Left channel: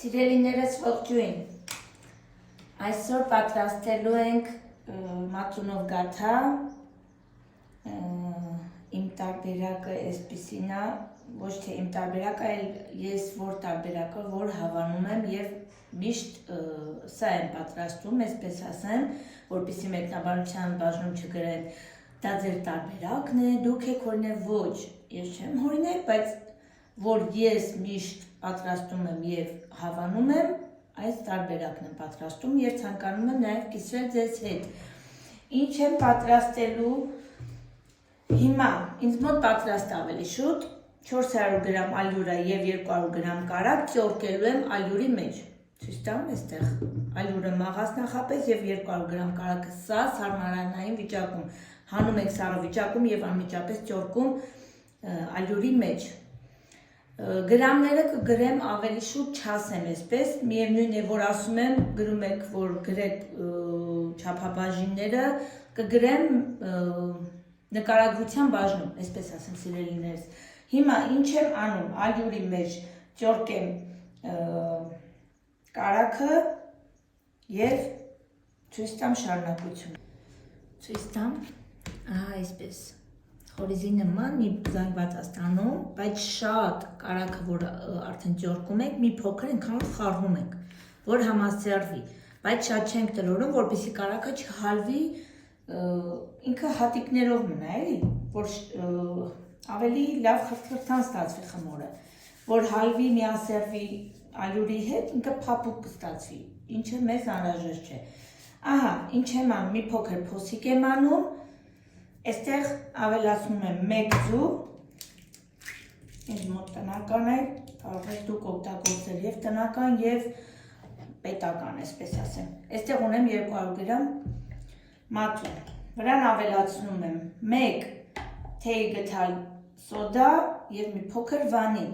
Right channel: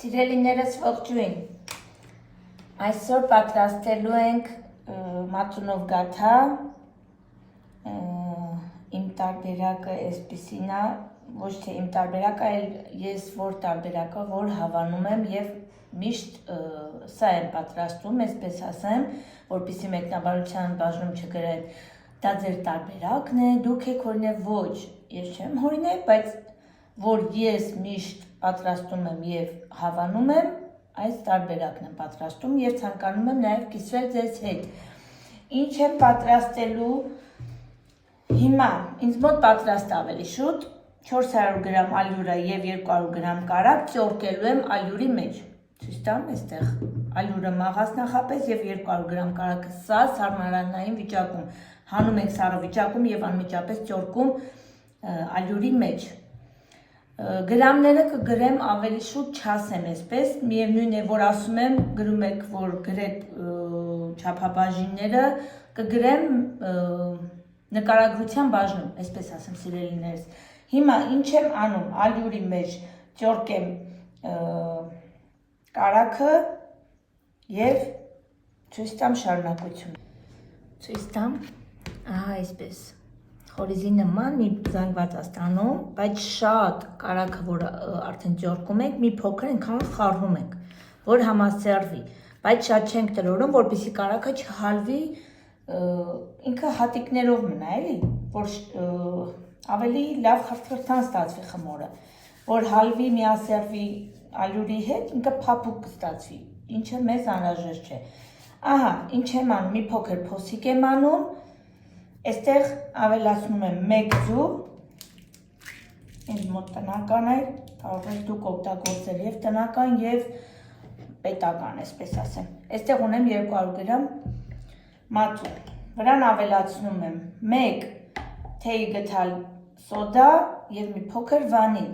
Սիրելիներս ողջույն, այսօր պատրաստելու ենք մածունով գաթա, իմ տարբերակը այսպիսին է, ոչ թե իմ տարբերակը, այլ ես որ տարբերակը, որ հավանում եմ և միշտ սա եմ պատրաստում, այսպես ասեմ, որպեսզի մեկնաբանության բաժնում չգրեն, դա ձեր տարբերակն է, դուք եք օրինակ ոչ, ես չեմ հորինել, բայց որ ես միշտ պատրաստում եմ և հավանում եմ, այս տարբերակն եմ պատրաստում և ցանկանում եմ նաև կիսվել ձեզ հետ։ Ինչ եմ պատրաստելու հիմա, ինձ մոտ պատրաստ ավելի շուտ, 400 գրամ ալյուրը և 200 գրամ կարագ ծորկելու եմ ալյուրի մեջ։ Ցույց տամ այստեղ ալյուրը մաղաց նախապես և 200 գրամ կարագը սա սառնարանային վիճակում, հանում ենք սառը վիճակում և անմիջապես ծորկում ալյուրի մեջ։ Գրամները կգրեմ ավելի շուտ չասեմ այսպես, միևնույն է, որ ասում եմ, գրում եք, որ գրեք չափաբաժինները, կգրեմ նկարագրության բաժնում, այսպես ասեմ սիրելիներս։ Հիմա ինչ եմ անում, ալյուրի մեջ ծորկեմ կարագը և ցույց տամ շարունակությունը։ Ցույց տամ, ահա այսպես։ Խորիզի նման մի զանգված է ստանում, բայց շատ կարագը, որ արդեն ծորկում ենք, մի փոքր այնքան խառնում ենք, որ համասեռվի, բայց շատ չենք տրորում, որպեսզի կարագը չհալվի, ինքը հատիկներով մնա, էլի, որ ավելի լավ խրթխրթան ստացվի խմորը, որ հալվի, միասեռվի ալյուրի հետ, ինքը փափուկ կստացվի, ինչը մեզ անհրաժեշտ չէ։ Ահա, ինչ եմ անում, մի փոքր փոսիկ եմ անում, այստեղ ավելացնում եմ 1 ձու, ինձ մոտ տնական է, կարող եք դուք օգտագործել և տնական և պետական, այսպես ասեմ։ Այստեղ ունեմ 200 գրամ մածուն, վրան ավելացնում եմ 1 թեյ գթալ սոդա և մի փոքր վանիլ։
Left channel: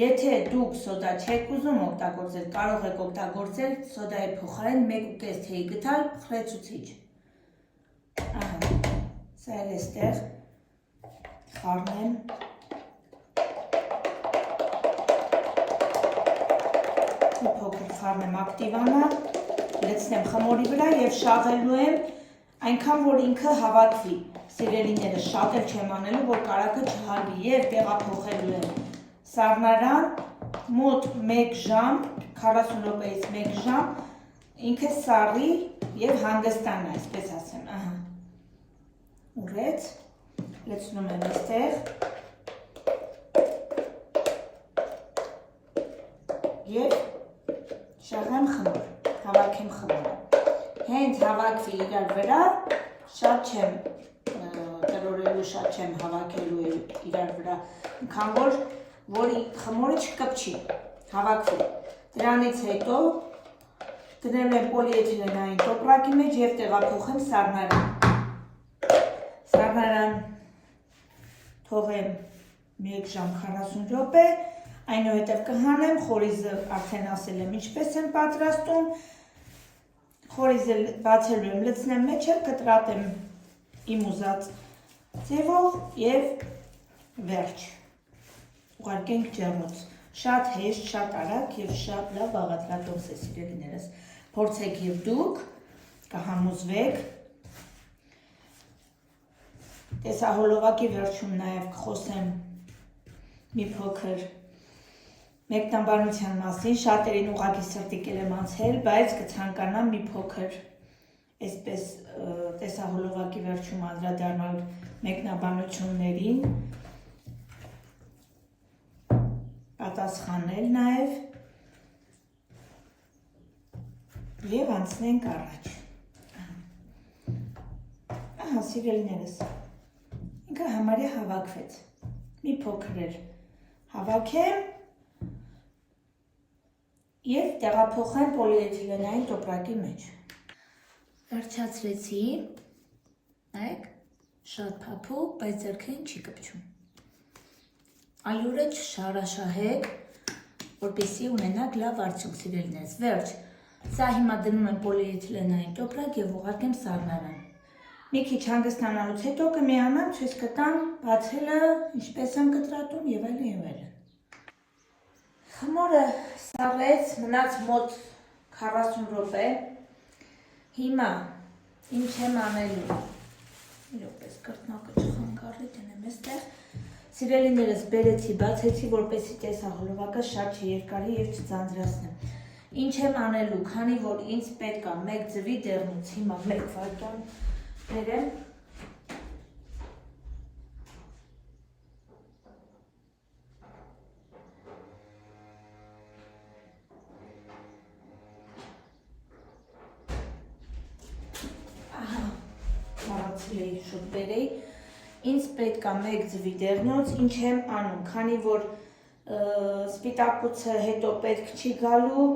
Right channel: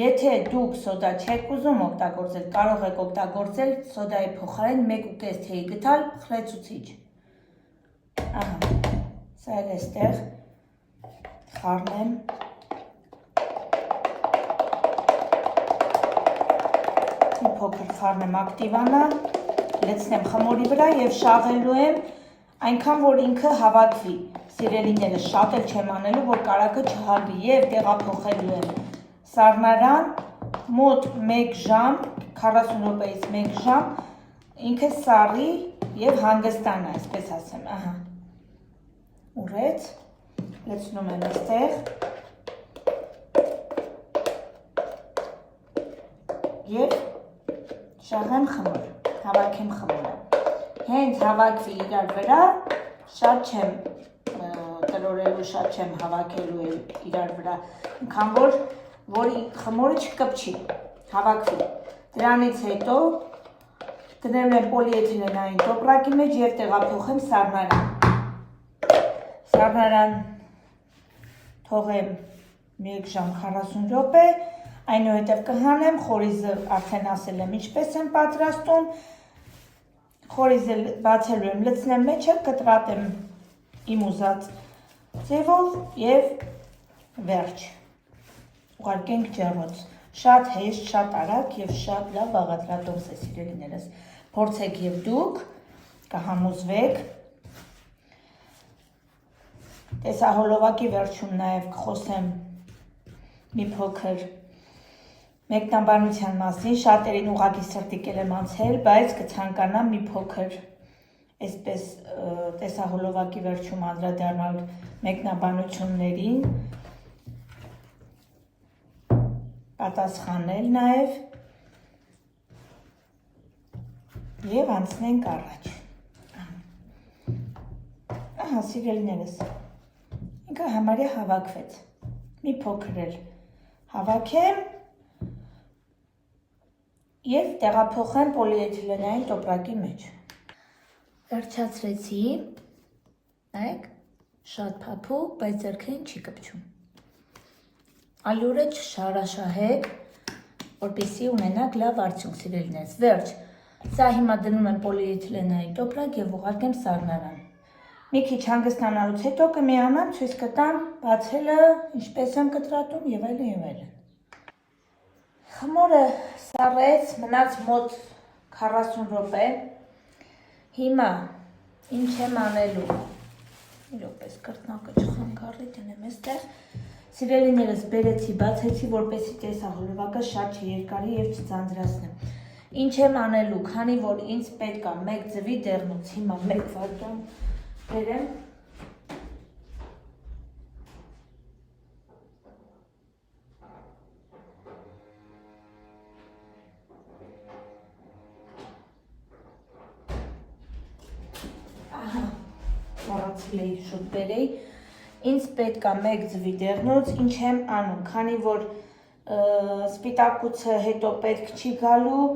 Եթե դուք սոդա չեք ուզում օգտագործել, կարող եք օգտագործել սոդայի փոխարեն 1.5 թեյ գթալ խլեցուցիչ։ Ահա, սա էլ էստեղ խառնեմ։ Մի փոքր խառնեմ ակտիվանա, լցնեմ խմորի վրա և շաղելու եմ այնքան, որ ինքը հավաքվի։ Սիրելիները շատ էլ չեմ անելու, որ կարագը չհալվի և տեղափոխելու եմ սառնարան մոտ 1 ժամ, 40 րոպեից 1 ժամ, ինքը սառի և հանգստանա, այսպես ասեմ, ահա, ուռեց, լցնում եմ այստեղ և շաղեմ խմոր, հավաքեմ խմորը, հենց հավաքվի իրար վրա, շատ չեմ տրորելու, շատ չեմ հավաքելու իրար վրա, ինքան որ խմորը չկպչի, հավաքվի, դրանից հետո դնեմ եմ պոլիէթիլենային տոպրակի մեջ և տեղափոխեմ սառնարան, սառնարան թողեմ 1 ժամ 40 րոպե, այնուհետև կհանեմ, խորիզը արդեն ասել եմ ինչպես եմ պատրաստում, խորիզը բացելու եմ, լցնեմ մեջը, կտրատեմ իմ ուզած ձևով և վերջ, ուղարկենք ջեռոց, շատ հեշտ, շատ արագ և շատ լավ բաղադրատոմս է սիրելիներս, փորձեք և դուք, կհամոզվեք, տեսահոլովակի վերջում նաև կխոսեմ մի փոքր մեկնաբանության մասին, շատերին ուղղակի սրտիկել եմ անցել, բայց կցանկանամ մի փոքր այսպես տեսահոլովակի վերջում անդրադառնալ մեկնաբանություններին, պատասխանել նաև և անցնենք առաջ։ Ահա սիրելիներս, ինքը համարյա հավաքվեց, մի փոքր էլ հավաքեմ և տեղափոխեմ պոլիէթիլենային տոպրակի մեջ։ Վերջացրեցի, նայեք, շատ փափուկ, բայց ձեռքերին չի կպչում։ Ալյուրը չշարաշահեք, որպեսզի ունենաք լավ արդյունք սիրելիներս։ Վերջ, սա հիմա դնում եմ պոլիէթիլենային տոպրակ և ուղարկեմ սառնարան։ Մի քիչ հանգստանալուց հետո կմիանամ, ցույց կտամ բացելը, ինչպես եմ կտրատում և այլն և այլն։ Խմորը սառեց, մնաց մոտ 40 րոպե։ Հիմա ինչ եմ անելու։ Իրոպես կրտնակը չխանգարի, դնեմ այստեղ։ Սիրելիներս բերեցի, բացեցի, որպեսզի տեսահոլովակը շատ չերկարի եւ չձանձրացնեմ։ Ինչ եմ անելու, քանի որ ինձ պետք է 1 ձվի դեղնուց, հիմա 1 վայրկյան բերեմ։ Շուտերի ինձ պետք է 1 ձվի դեղնուց, ինչ եմ անում, քանի որ սպիտակուցը հետո պետք չի գալու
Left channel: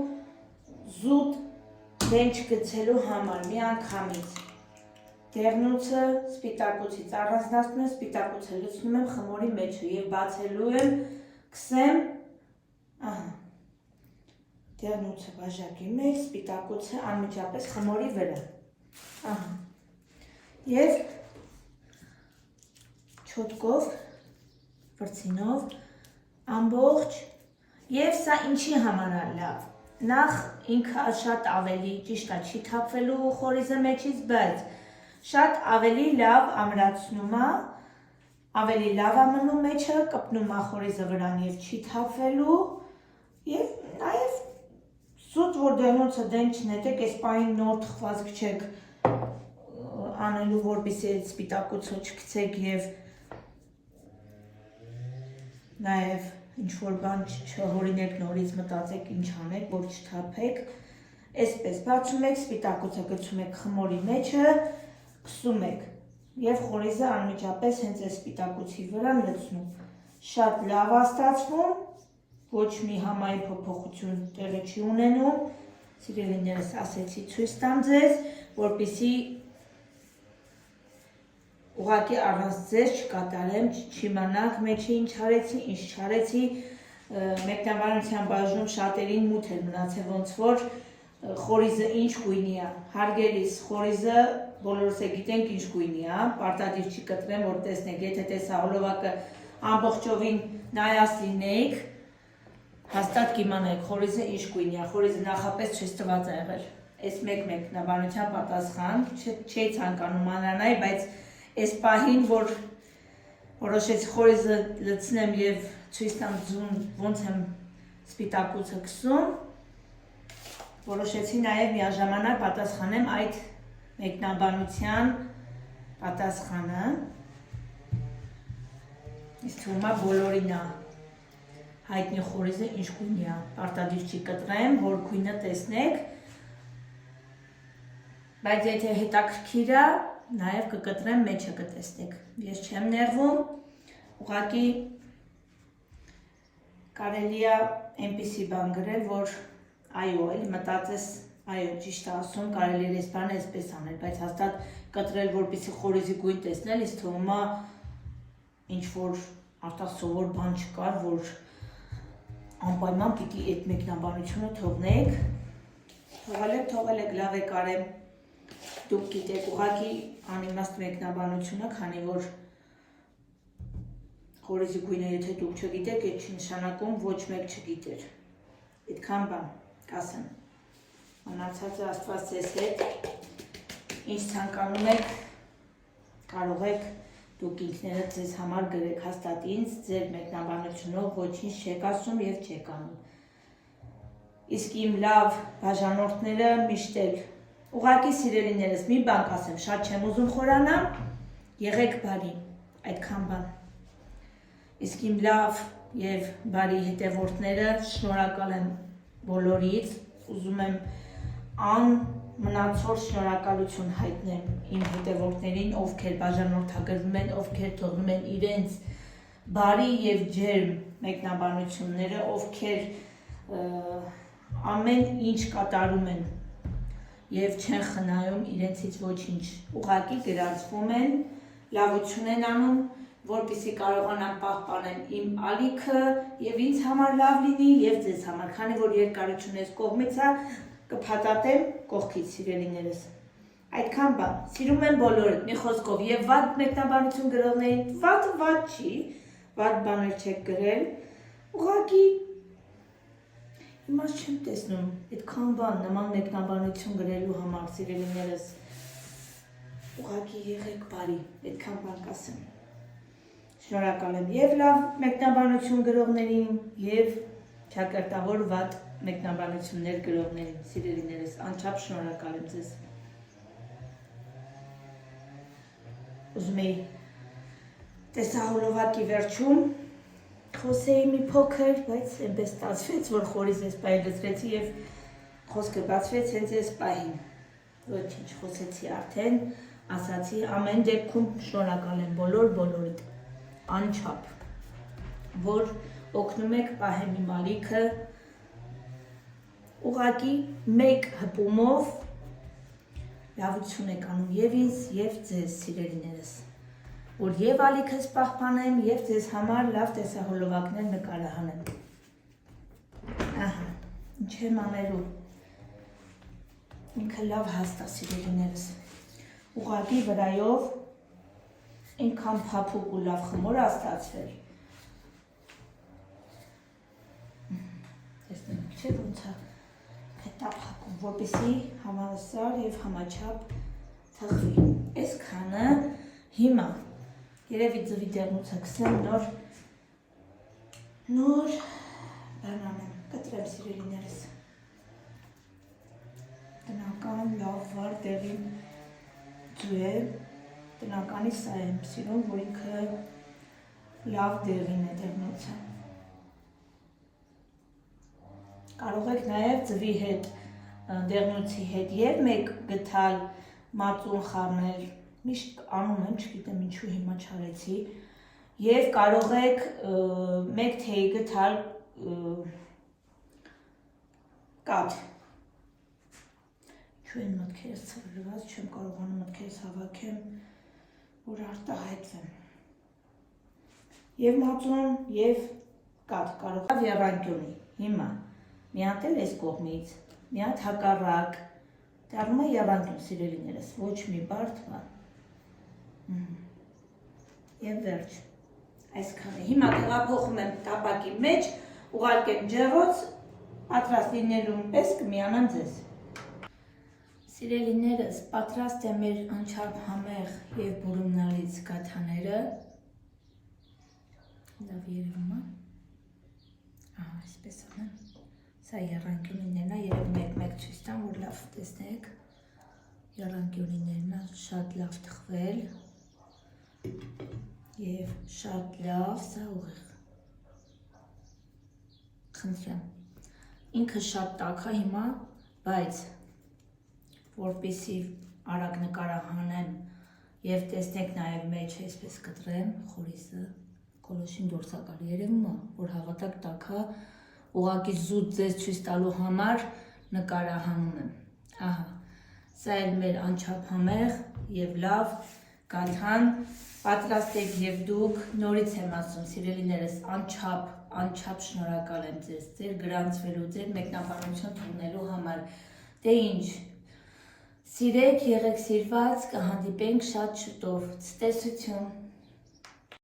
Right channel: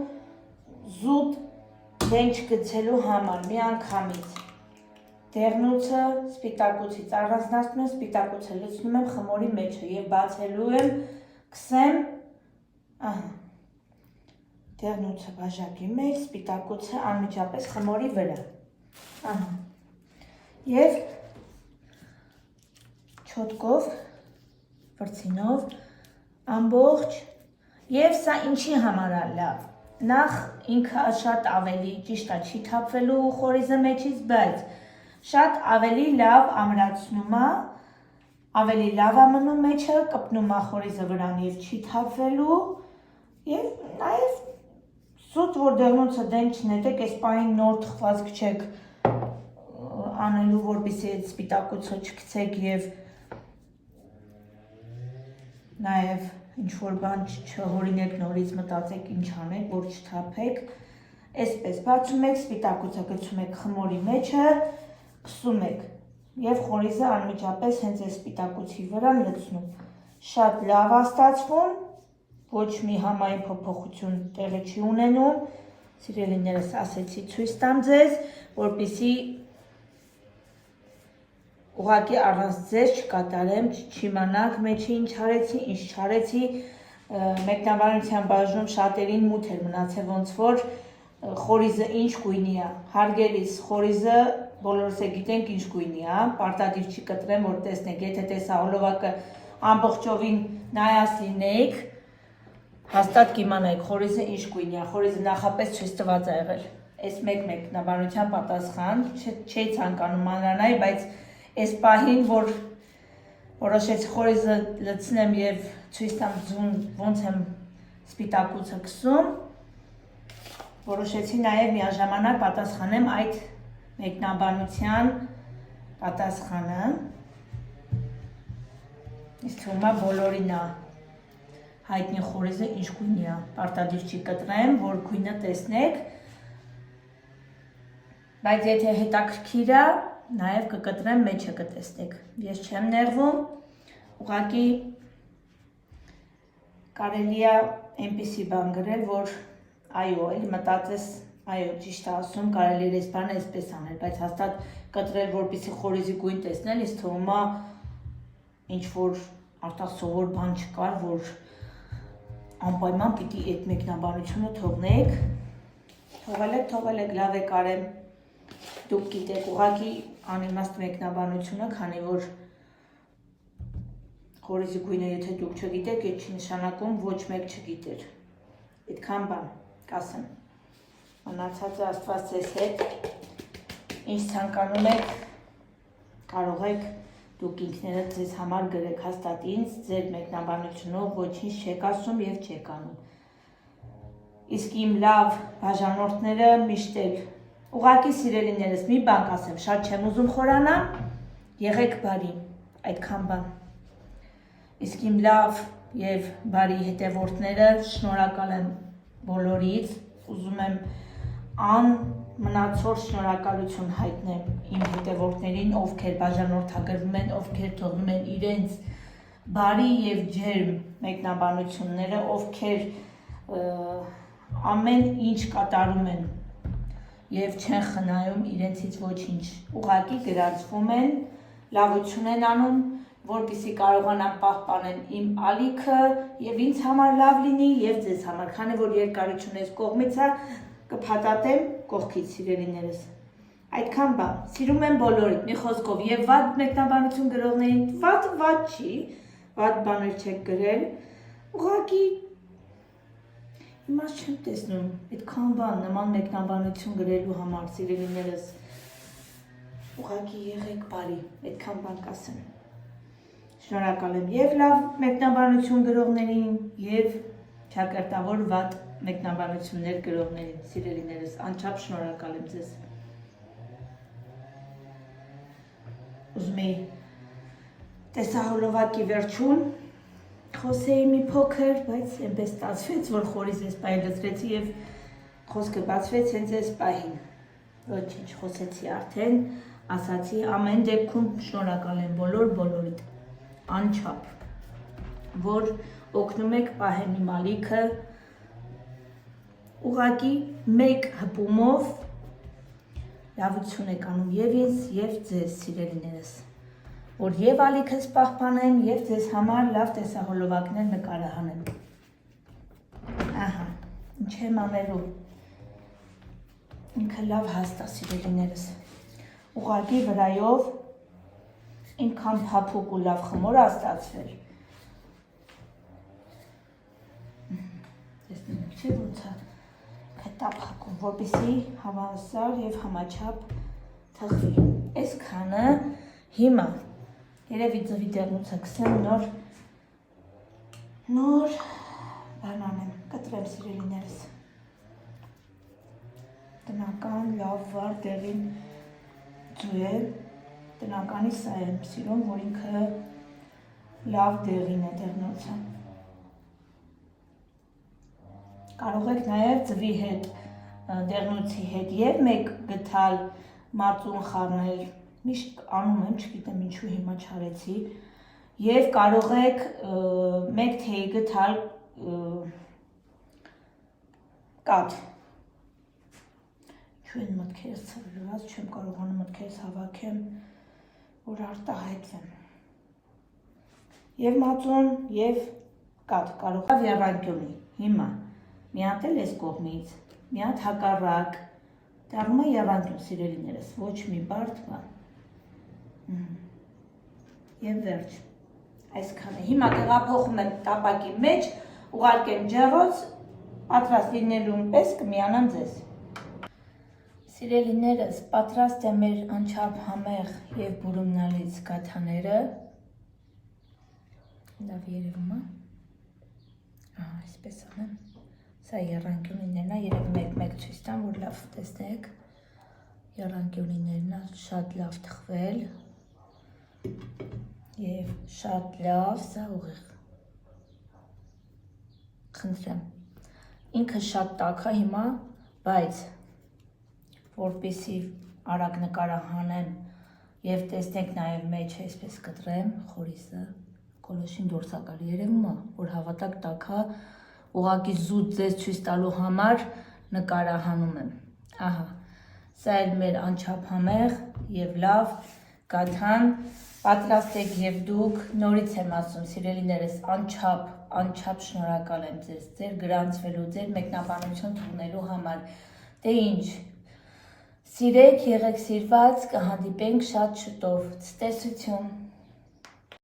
զուտ դեն չգցելու համար, մի անգամից դեղնուցը սպիտակուցից առանձնացնում եմ, սպիտակուցը լցնում եմ խմորի մեջը եւ բացելու եմ, քսեմ, դեղնուցը բաժակի մեջ, սպիտակուցը անմիջապես խմորի վրա, եւ չոտկով, վրձինով, ամբողջ, եւ սա ինչի համար է լավ, նախ ինքը շատ ավելի ճիշտ է չի թափվելու խորիզը մեջից, բայց շատ ավելի լավ ամրացնում է, ավելի լավ է մնում մեջը, կպնում է խորիզը վրան եւ չի թափվելու, եւ նաեւ զուտ որ դեղնուցը դեն չնետեք, այս պահին նոր թխվածք չեք անելու, որպեսզի այդ սպիտակուցը չգցեք եւ նաեւ ինչ-որ բան չհորինեք, նորից մտածեք ինչ անեք, որ չթափեք, այսպես բացում եք, սպիտակուցը գցում եք խմորի մեջը, քսում եք եւ խորիզը անմիջապես հենց այս սպիտակուցի վրա լցնում, շատ լավ է ստացվում, ոչ մի համային փոփոխություն տեղի չի ունենում, սիրելիներս ասեցի ցույց տամ ձեզ, որպեսզի ուղղակի առանց ձեզ չկատարեմ, չիմանաք մեջը ինչ արեցի, ինչ չարեցի, մեկնաբանության բաժնում շատերին մութ էր մնացել, ոնց որ խորիզը ինչ գույնի է, հարգելիս խորիզը բոլորս է գիտենք ինչ գույնի է, պարտադիր չի կտրեմ, որ տեսնեք, եթե տեսահոլովակը ամբողջովին նայած լինեիք, հաստատ կիմանայիք խորիզը ինչ գույնի է, խորիզը նախապես ցույց տված է եղել, այս մեկ մեկնաբանության պատասխան, չէի ցանկանում մանրանալ, բայց այս պահին, որ որոշեցի խորիզը լցնեմ եւ ցույց տամ ոնց եմ սպիտակուցը քսում, որոշեցի նաեւ միաժամանակ պատասխանեմ այդ մեկնաբանության պատասխանը, ինձ թվում է բոլորին է հայտնի խորիզը ինչ գույնի է, պարտադիր չի կտրեմ, որ գույնը տեսնեք, բայց եթե հետաքրքիր է, նաև կկտրեմ մեջը կտեսնեք, ես չեմ նեղվում, ուղղակի կարելի է այնպիսի բան գրել, որ այո, էլ մտածես, այո, ճիշտ է ասում, կարելի է այս բանը այսպես անել, բայց հաստատ կտրել, որպեսզի խորիզի գույն տեսնել, ինձ թվում է ինչ-որ արտասովոր բան չկար, որ անպայման պիտի այդ մեկնաբանությունը թողնեք, թողել եք, լավ եք արել, դուք գիտեք, ուղղակի անիմաստ մեկնաբանությունը, քանի որ խորիզի գույնը եթե դուք չգիտեք, այդ չի նշանակում ոչ մեկ չգիտեր, այդքան բան, կասեմ, մնացածը Աստված ձեզ հետ, ինչ ցանկանում եք, կարող եք դուք ինքներդ ձեզ համար գրեք, հաստատ ինձ ձեր մեկնաբանությունով ոչինչ չեք ասում եւ չեք անում, իսկ իմ լավ բաժանորդները միշտ էլ ուղղակի սիրելիներս մի բան կասեմ, շատ չեմ ուզում խորանամ, եղեք բարի, այդքան բան, իսկ իմ լավ եւ բարի հետևորդները շնորհակալ եմ բոլորից, ուզում եմ անմնացորդ շնորհակալություն հայտնեմ իմ հետևորդներին, ովքեր բաժանորդագրվում են, ովքեր թողնում են իրենց բարի եւ ջերմ մեկնաբանությունները, ովքեր ամեն ինչ կատարում են եւ չեն խնայում իրենցից ոչինչ, ուղղակի գրանցվում են, լավություն են անում, որպեսզի կարողանան պահպանել իմ ալիքը եւ ինձ համար լավ լինի եւ ձեզ համար, քանի որ երկարությունը այս կողմից է, կփաթաթեմ կողքից սիրելիներս։ Այդքան բան, սիրում եմ բոլորին, մի խոսքով եւ վատ մեկնաբանություն գրողներին, վատ չի, վատ բաներ չեք գրել, ուղղակի Հիմա չեմ տեսնում այդքան բան նման մեկնաբանություն գրելու համար սիրելիներս ուղղակի եղեք բարի, այդքան բան կասեմ։ Շնորհակալ եմ եւ լավ մեկնաբանություն գրողներին եւ ճակատավոր վատ մեկնաբանություններ գրողներին, սիրելիներս, անչափ շնորհակալ եմ ձեզ։ Ուզում էի տեսահոլովակի վերջում խոսեի մի փոքր, բայց այնպես ստացվեց, որ խորից այս պահին լցրեցի եւ խոսքը բացվեց հենց այս պահին։ Ոչինչ, խոսեցի արդեն, ասացի, ամեն դեպքում շնորհակալ եմ բոլորիդ, անչափ, որ օգնում եք պահեմ իմ ալիքը, ուղղակի մեկ հպումով լավություն եք անում եւ ինձ եւ ձեզ սիրելիներս, որ եւ ալիքս պահպանեմ եւ ձեզ համար լավ տեսահոլովակներ նկարահանեմ։ Ահա, ինչ եմ անելու։ Ինքը լավ հաստ է սիրելիներս։ Ուղղակի վրայով ինքան փափուկ ու լավ խմոր է ստացվել։ Տեսնում եք, չէ՞ ոնց է հետա փակում, որպեսզի համասար եւ համաչափ թխվի։ Այսքանը հիմա երևի ձվի դեռնուց է կսեմ նոր բան անեմ, կտրեմ սիրելիներս։ Տնական լավ վար դեղին ձու է, տնականի սա եմ սիրում, որ ինքը լավ դեղին է դեղնոցը։ Կարող եք նաև ձվի հետ, դեղնոցի հետ և մեկ գթալ մածուն խառնել, միշտ անում եմ, չգիտեմ ինչու հիմա չարեցի, և կարող եք մեկ թեյ գթալ կաթ։ Ինչու են մտքերս ցրլված, չեմ կարողանում մտքերս հավաքեմ, որ արտահայտվեմ։ Եվ մածուն, և կաթ կարող եք եռանկյունի, հիմա, մի հատ էլ այս կողմից, մի հատ հակառակ, դառնում է եռանկյուն սիրելիներս, ոչ մի բարդ բան։ Եվ վերջ, այսքանը, հիմա տեղափոխում եմ տապակի մեջ, ուղարկեմ ջեռոց, պատրաստ լինելուն պես կմիանամ ձեզ։ Սիրելիներս, պատրաստ է մեր անչափ համեղ և բուրումնալից գաթաները։ Լավ երևում է։ Ահա, այսպես անեմ։ Սա եռանկյունիներն է, երևի մեկ ցույց տամ, որ լավ տեսնեք։ Եռանկյունիներն է, շատ լավ թխվել։ Եվ շատ լավ, սա ուղիղ։ Խնդրեմ։ Ինքը շատ տաք է հիմա, բայց որպեսզի արագ նկարահանեմ և տեսնեք նաև մեջ այսպես կտրեմ խորիսը, կոլոշին դուրս է գալի, երևում է, որ հավատակ տաք է, ուղղակի զուտ ձեզ ցույց տալու համար նկարահանում եմ։ Ահա, սա էլ մեր անչափ համեղ և լավ գաթան, պատրաստեք և դուք, նորից եմ ասում, սիրելիներս, անչափ շնորհակալ եմ ձեզ, ձեր գրանցվելու, ձեր մեկնաբանություն թողնելու համար։ Դե ինչ, սիրեք, եղեք սիրված, կհանդիպենք շատ շուտով, ցտեսություն։